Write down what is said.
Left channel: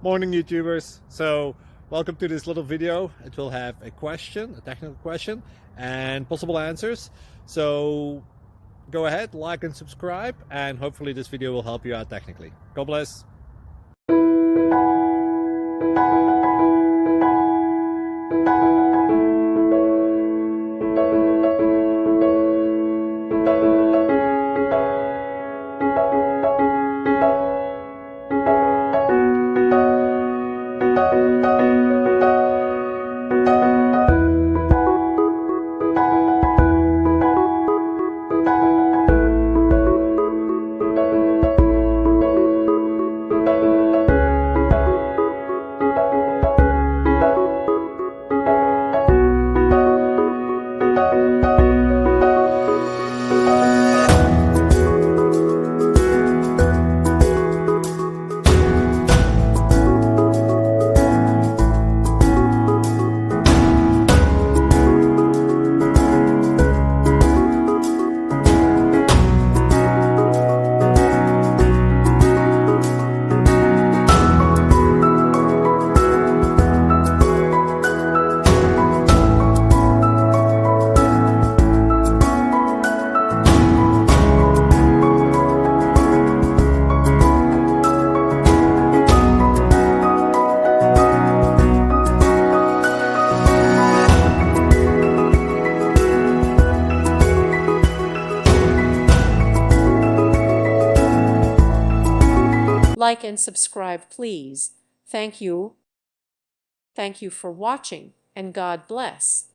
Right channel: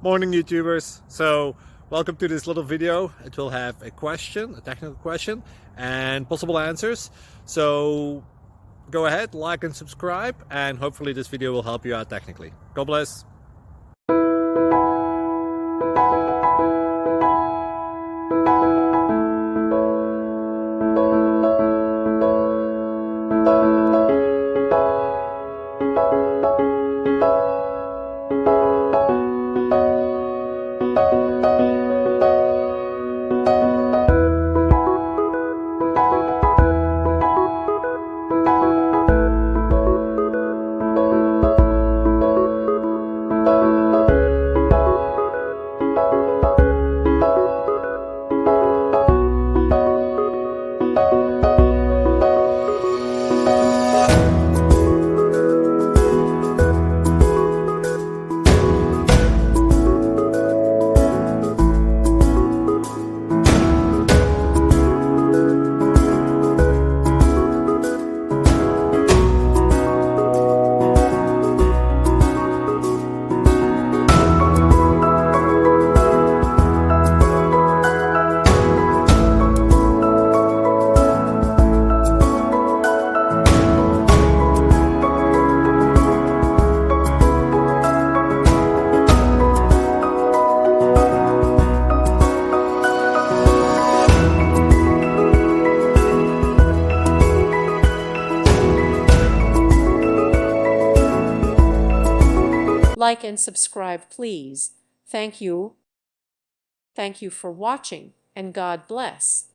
Morning YouTubers. So welcome to this little video. It will have a question, a technical question, and possible answers. So go ahead, like and subscribe, and hopefully this video will help you out technically. God bless. Like and subscribe, please. Thank you. Thank you for watching, and God bless.